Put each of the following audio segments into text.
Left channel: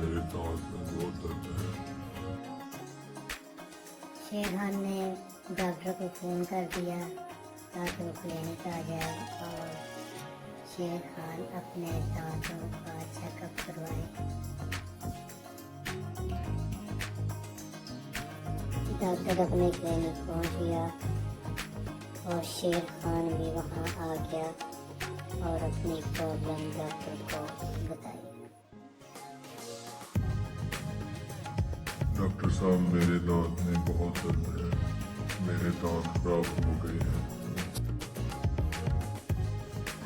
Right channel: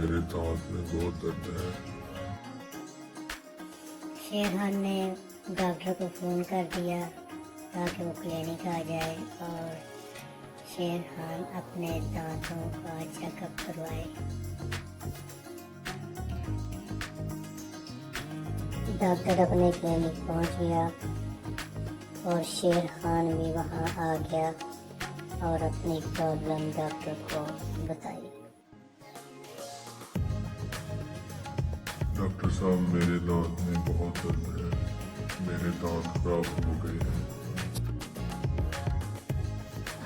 मेरे दांत में बहुत दर्द है। शेर खान ने डॉक्टर को फ़ोन कर दिया ताकि वो क्लिनिक आ जाए और शेर खान अपने दांतों का चेकअप करवाए। डॉक्टर अपने क्लिनिक पहुंच गया और शेर खान भी वहां आ गया और अपनी प्रॉब्लम डॉक्टर को बताई। डॉक्टर साहब, मेरे दांत में बहुत दर्द है, मेरे दांत खराब हो गए हैं।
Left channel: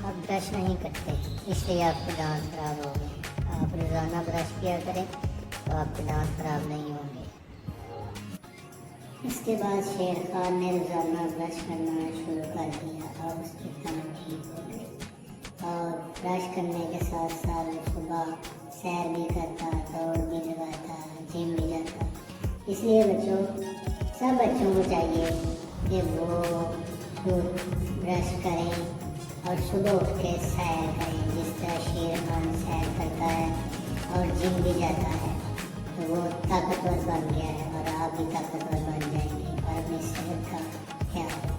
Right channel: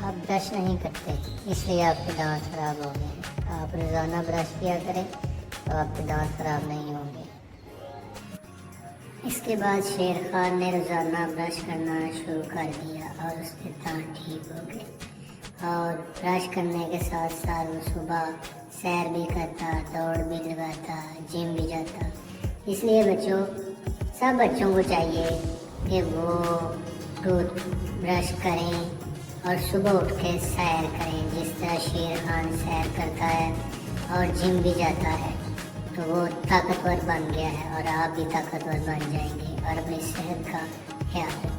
आप ब्रश नहीं करते इसलिए आपके दांत खराब होंगे। आप रोज़ाना ब्रश किया करें तो आपके दांत खराब नहीं होंगे। इसके बाद शेर खान ने रोज़ाना ब्रश करना शुरू कर दिया और उसके दांत ठीक हो गए। और ब्रश करने के साथ साथ सुबह सैर भी करता, दौड़ भी लगाता, जिम भी जाता। इसलिए बच्चों, सब बच्चों को चाहिए कि वो रोज ब्रश करें और सुबह उठ के सैर करें, जिस तरह शेर खान सैर करता है और जिम भी जाता है। तो वो ताकतवर बन गया है और आप भी ताकतवर बन जाएंगे और अपनी सेहत का ख्याल